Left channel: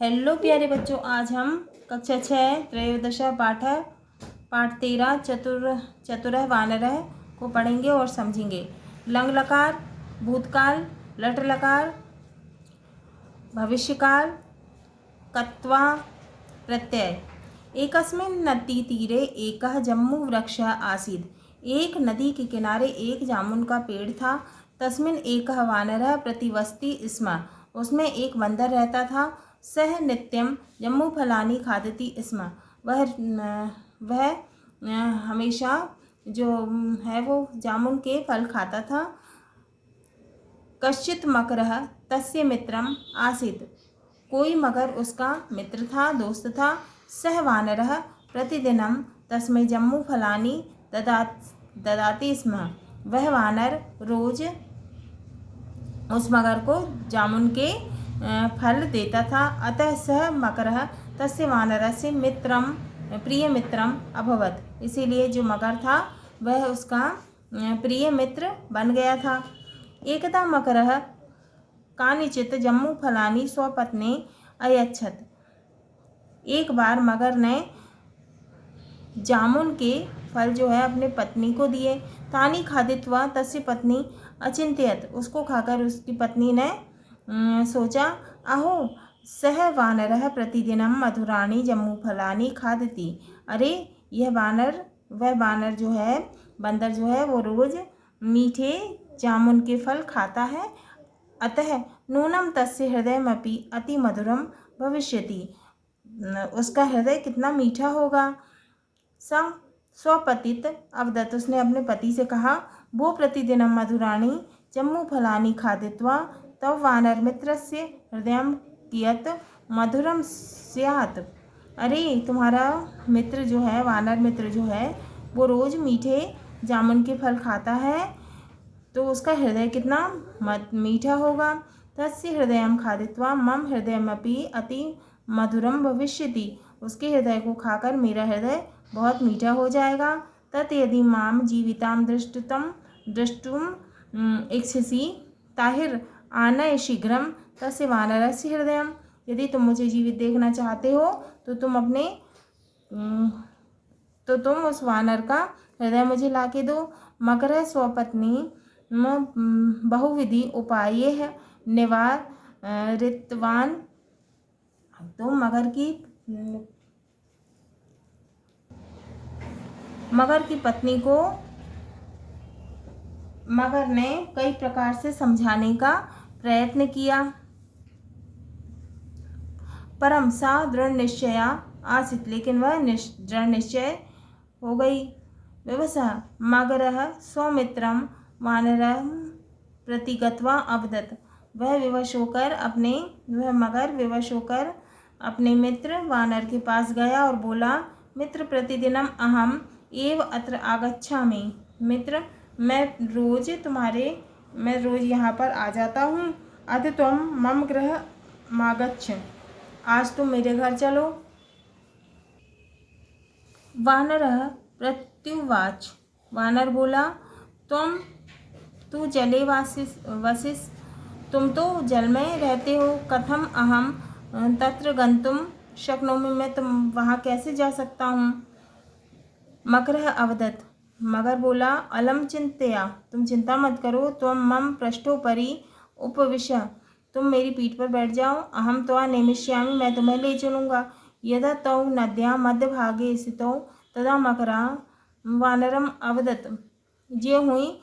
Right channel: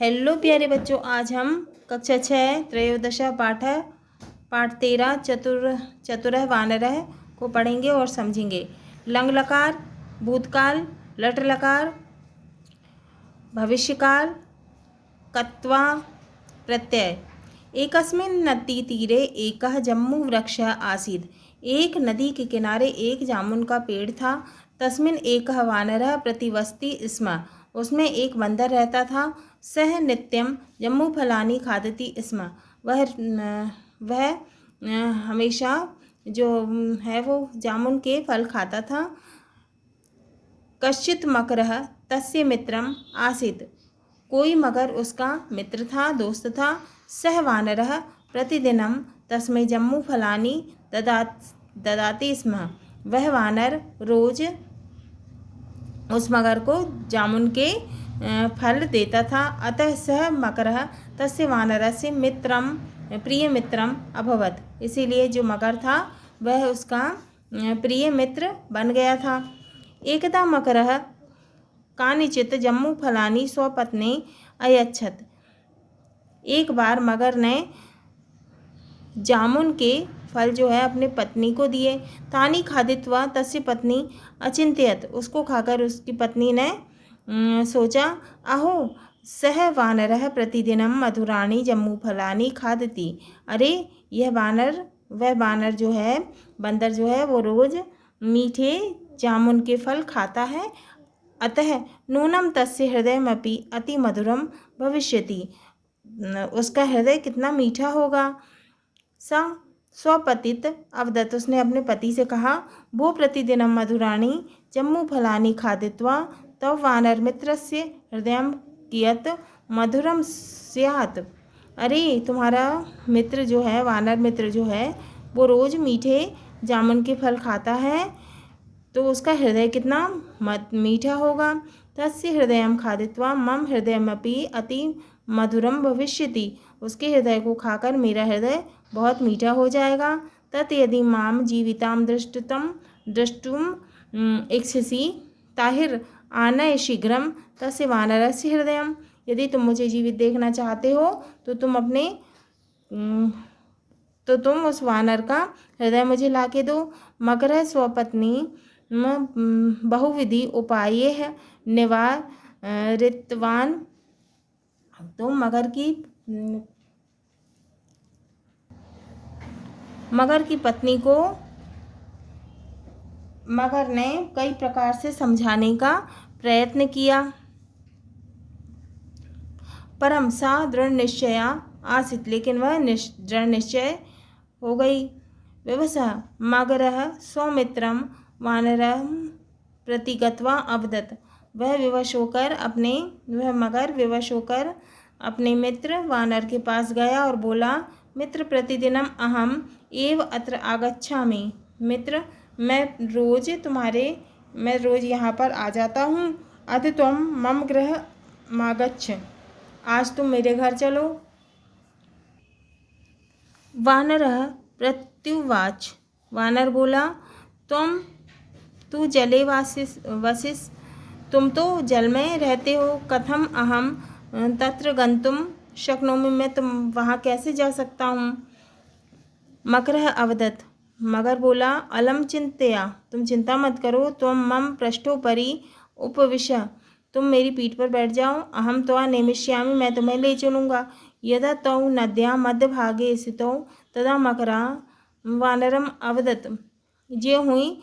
Hello प्यारे बच्चों, आज हम कक्षा 6 त्रयोदशा पाठ 13 चतुरः वानरः को पढ़ेंगे और समझेंगे। लंग लकार, भूतकाल, लट लकार, भविष्यकाल, कत्वा प्रत्यय। एकस्मिन् नदीतीरे एकः जम्बूवृक्षः आसीत्। एक नदी के किनारे एक जामुन का पेड़ था। तस्मिन् एकः वानरः प्रतिवसति स्म। उसमें एक बंदर रहता था। सह नित्यं जम्बूफलानि खादति स्म। वह हमेशा जो है वो जामुन के फल खाता था। कश्चित् मकरः तस्य मित्रम् आसीत्। कोई मगर उसका मित्र था, दोस्त था। सह वानरः प्रतिदिनं तस्मै जम्बूफलानि ददाति स्म। वह वानर रोज उस मगर को जामुन के फल देता था। अतः सह मकरः तस्य वानरस्य मित्रं प्रिय मित्रम अभवत्। इसीलिए जो मगर था वह उसका प्रिय मित्र बन गया था। एकदा मकरः कानिचित् जम्बूफलानि स्वपत्नी अयच्छत्। एक बार मगर ने जामुन के फल जो है अपने पत्नी को दिए। तानि खादित्वा तस्य पत्नी अचिंत्यत। उसको खाकर उसकी पत्नी ने सोचा, अहो सह वानरः प्रतिदिनं मधुराणि जम्बूफलानि खादति। अरे वह वानर जो है, बंदर जो है वो रोज मीठे जामुन के फल खाता है। अतः नूनं तस्य हृदयमपि अति मधुरम भविष्यति। उसका हृदय कितना मीठा होगा। स्वपतित अवदत्। उसने अपने पति से कहा, भो प्रतिदिनं मधुराणि जम्बूफलानि खादित्वा तव वानर मित्रस्य हृदयं कियत् मधुरम स्यात्। अरे तुम्हारा मित्र जो है, वानर मित्र जो है, वो रोज मीठे जामुन के फल खाता है तो उसका हृदय कितना मीठा होगा। तस्य हृदयं खादित्वा मम हृदयमपि अति मधुरम भविष्यति। उसके हृदय को खाकर मेरा हृदय बहुत मीठा हो जाएगा। तत् यदि माम जीवितां द्रष्टुम इच्छसि ताहिर आनय शीघ्रम तस्य वानरस्य हृदयम। यदि तुम मुझे जीवित देखना चाहते हो तो तुम उस वानर का हृदय मुझे लाके दो। मकरः स्वपत्नी बहुविधि उपायैः निवारितवान्। तो मगर की पत्नी को मगर ने कई प्रकार से समझाने का प्रयत्न किया, परम सा दृढ़ निश्चया आसीत्। लेकिन वह दृढ़ निश्चय हो गई। विवशः मगरः स्वमित्रं वानरं प्रति गत्वा अवदत्। वह मगर विवश होकर अपने मित्र वानर के पास गया और बोला, मित्र प्रतिदिनम अहम एव अत्र आगच्छामि। मित्र मैं रोज यहाँ पर आ जाता हूँ। अद्य त्वं मम गृह मागच्छ। आज तुम मेरे घर चलो। वानरः प्रत्युवाच। वानर बोला, तू जले वसिस। तुम तो जल में रहते हो। कथम अहम तत्र गंतुम शक्नोमि। मैं तुम वहाँ कैसे जा सकता हूँ। मकरः अवदत्। मगर बोला, अलम चिंतया। तुम चिंता मत करो। त्वं मम पृष्ठोपरि उपविश। तुम मेरी पीठ पर बैठ जाओ। अहम त्वा नेमिष्यामि। मैं तुम्हें ले चलूँगा। यदा तौ नद्याः मध्यभागे स्थितौ तदा मकरः वानरम अवदत्। जो हुई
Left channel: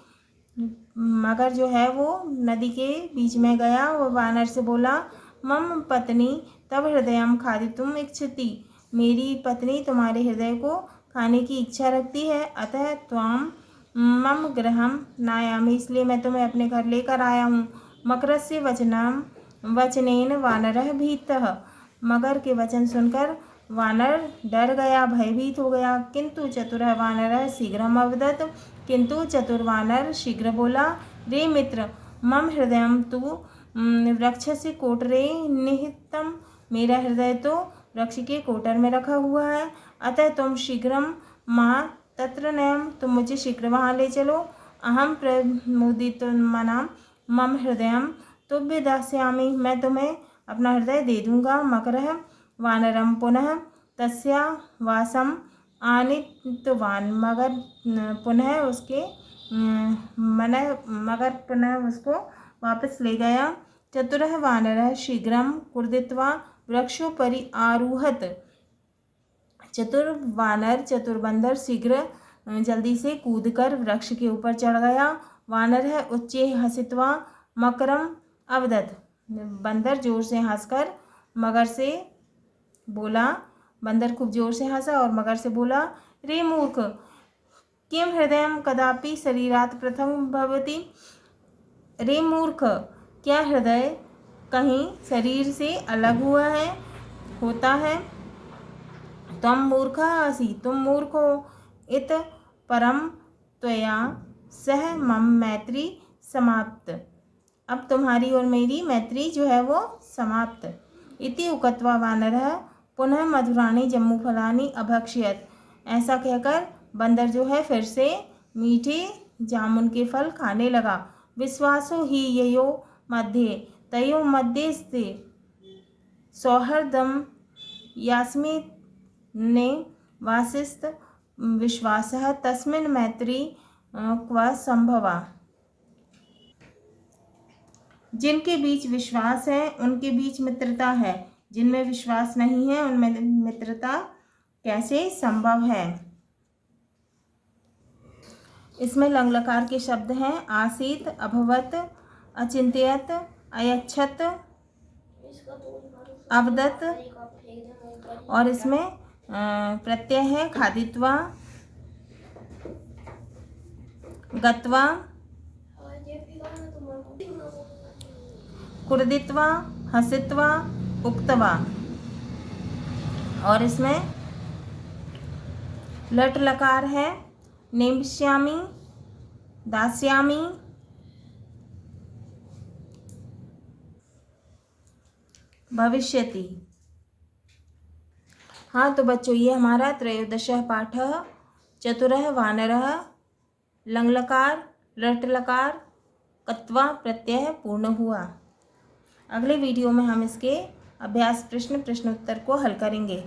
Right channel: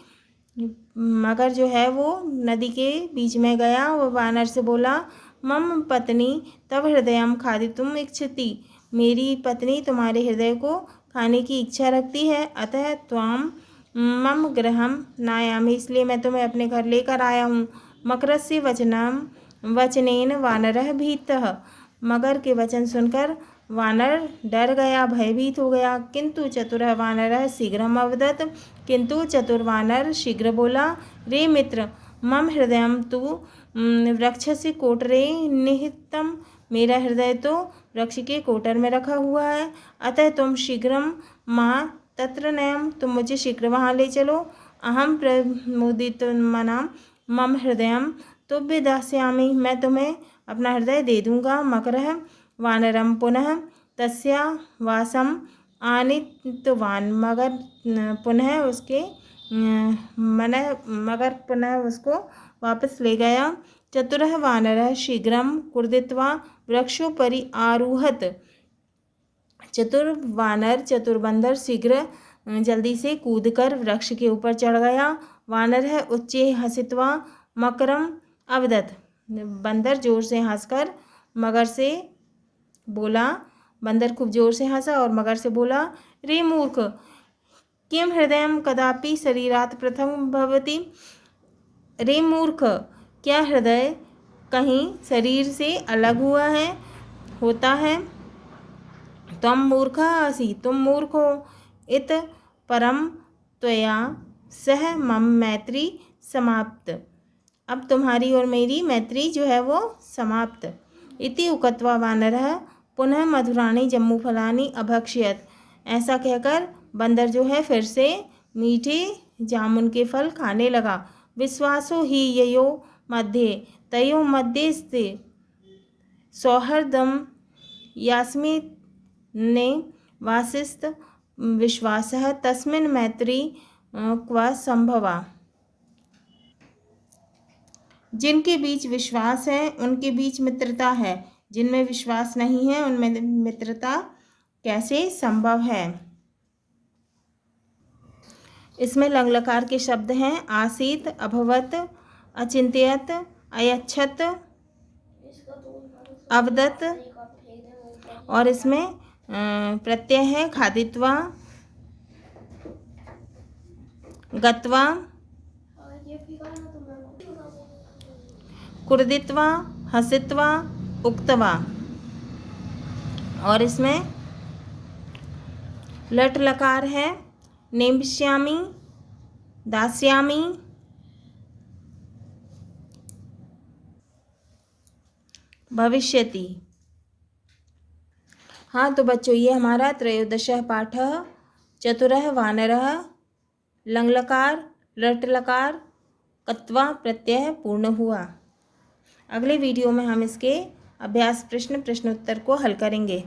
मगर जो है वो नदी के बीच में गया। वो वानर से बोला, मम पत्नी तव हृदयं खादितुम् इच्छति। मेरी पत्नी तुम्हारे हृदय को खाने की इच्छा रखती है। अतः त्वां मम गृहं नायामि। इसलिए मैं तुम्हें अपने घर लेकर आया हूँ। मकरस्य वचनेन वानरः भीतः। मगर के वचन सुनकर वानर डर गया, भयभीत हो गया। किंतु चतुरः वानरः शीघ्रम अवदत्। किंतु चतुर वानर शीघ्र बोला, रे मित्र मम हृदयं तु वृक्षस्य कोटरे निहितम्। मेरा हृदय तो वृक्ष के कोटर में रखा हुआ है। अतः तुम शीघ्रम मां तत्र नयम। तुम मुझे शीघ्र वहाँ ले चलो। अहम प्रमुदितमना मम हृदयं तुभ्य दास्यामि। मैं तुम्हें अपना हृदय दे दूंगा। मकरः वानरं पुनः तस्या वासम आनीतवान्। मगर पुनः उसके मगर पुनः उसको वापस ले गया। चतुरः वानरः शीघ्रं कूर्दित्वा वृक्षोपरि आरुहत। चतुर बंदर शीघ्र जल्दी से कूदकर वृक्ष के ऊपर चढ़ गया। वानरः उच्चे हसित्वा मकरम अवदत्। बंदर जोर से हंसकर मगर से बोला। बंदर खूब जोर से हंसा और मगर से बोला, रे मूर्ख, किम हृदयं कदापि शरीरात् पृथक् भवति। रे मूर्ख, क्या हृदय कहीं शरीर से अलग होता है। तम मूर्खः असि, तुम मूर्ख हो। इत परम त्वया सह मम मैत्री समाप्त। अब तुम्हारी और मेरी मैत्री जो है वो समाप्त। इति उक्त्वा वानरः पुनः मधुराणि जम्बूफलानि अभक्षयत्। ऐसा कहकर बंदर जो है फिर से मीठे जामुन के फल खाने लगा। विश्वासो हि ययो मध्ये तयो मध्ये स्ते सौहृदम यास्मिन्ने वासिस्त विश्वासः तस्मिन् मैत्री क्व संभवा। जिनके बीच विश्वास है उनके बीच मित्रता है, जिनमें विश्वास नहीं है उनमें मित्रता कैसे संभव है। इसमें लंग लकार के शब्द हैं आसीत, अभवत, अचिंत्यत, अयच्छत, अवदत और इसमें प्रत्यय है खादित्वा, गत्वा, कुर्दित्वा, हसित्वा, उक्तवा और इसमें लट लकार है नेमिष्यामि, दास्यामि, भविष्यति। हाँ तो बच्चों ये हमारा त्रयोदशः पाठः चतुरः वानरः लंगलकार लट लकार कत्वा प्रत्यय पूर्ण हुआ। अगले वीडियो में हम इसके अभ्यास प्रश्नोत्तर को हल करेंगे।